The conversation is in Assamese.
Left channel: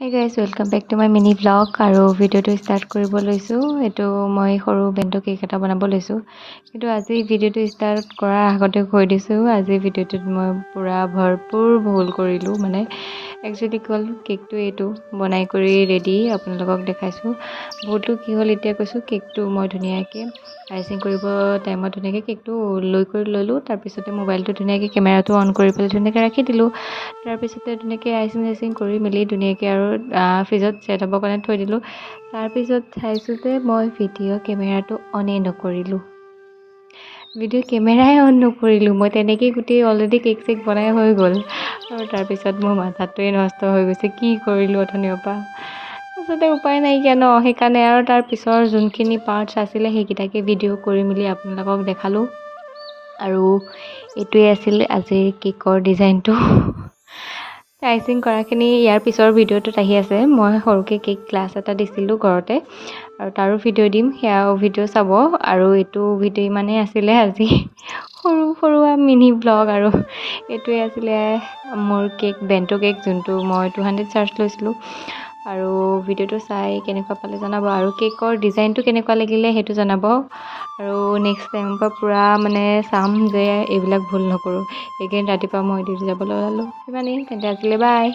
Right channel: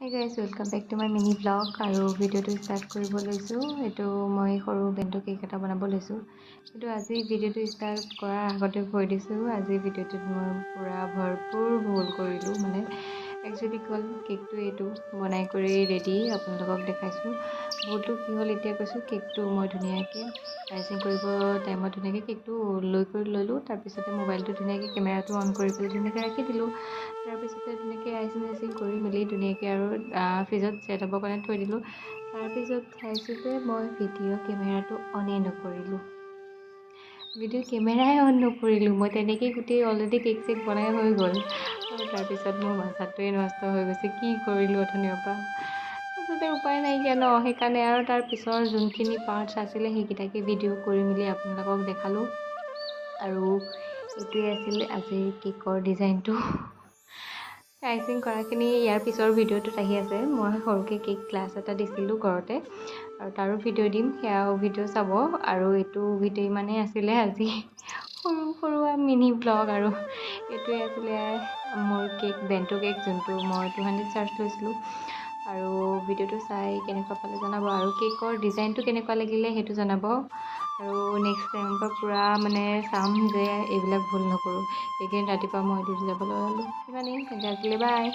Hey guys, welcome back to my mini vlog আৰু ভিডিঅ'টো ষ্টাৰ্ট কৰিব লৈছোঁ। এইটো মই সৰু বেণ্টো কেক এটা বনাব লৈছোঁ। কিন্তু আজি ভিডিঅ'টো ষ্টাৰ্ট কৰাৰ আগতে কৈ দিছোঁ, আজি ভিডিঅ'টোত মই পূৰা ভৰপূৰ ভুল কৰিলোঁ। মানে একচুৱেলি কি হ'ল, কেকটো এইটো বনাই কৰি ৰেডি আপোনালোকক দেখাইছোঁ। ভুলটো কি হ'ল এতিয়া কৈছোঁ। কেকটো মই ধুনীয়াকৈ আইচিং কৰিব টাইমত ধুনীয়াকৈ কেকটো ল'লোঁ। তাৰপিছতে মোবাইলটো ধুনীয়াকৈ কেমেৰাটো অন কৰি পেলাই ধুনীয়াকৈ ৰাখি দিলোঁ। তাৰপিছতে ধুনীয়াকৈ আইচিং কৰি মেলি ধুনীয়াকৈ আৰু ফ্ৰিজত ছেট হ'বৰ কাৰণে থৈ দিলোঁ। তাৰপিছত চাইছোঁ যে মই ভিডিঅ' কেমেৰাটো অনেই নকৰিলোঁ। ভিডিঅ' কেমেৰাই অন নকৰিলোঁ। মই তেনেকেই গোটেই অলৰেডি কেক চেক বনাই হৈ গ'ল আৰু তাৰপিছত মোৰ মাথাটোৱে নষ্ট হৈ গৈছে, কি কৰিলোঁ অথনিৰ পৰা। তাৰপিছতে উপায় নাইকিয়া ন, সেইকাৰণে আৰু তাৰ পিছৰ যোনখিনি পাৰ্টছ আছিলে সেইকেইটাকে ভিডিঅ' কৰি মেলি আপোনালোকক দেখালোঁ। আৰু এইটোৱে আছিল আজিৰ কেকৰ ডিজাইনটো। আইচিং কৰাখিনি ইয়াৰ পিছৰ ভিডিঅ'টোত আহি আছে। মই সৰুকৈ কেক ক্লাছ এটা দিছিলোঁ ঘৰতে, আৰু তাৰো ভিডিঅ' দিম, সেয়াও ভিডিঅ' চাব। আৰু এইটো ভিডিঅ' ইমানেই আছিলে আজি সৰু মিনি ব্লগ। আৰু এইটোৱে আছিলে মোৰ কেক, বেণ্টো কেক, যোনটো মই 200 চাৰ্জ লৈছিলোঁ। আৰু ভিডিঅ'টো চাই কেনেকুৱা পালে জনাব, আৰু কেকৰ ডিজাইনটো কেনেকুৱা লাগিলে সেইটো জনাব। আৰু নেক্সট টাইমৰ পৰা পূৰা মানে চাম যে এইবিলাক ভুল নকৰোঁ। এইকেইদিন ৰাতিপুৱা মই ডিউটি যাবলৈ ওলালোঁ। ইমানেই, তেন্তে আজিলৈ বাই।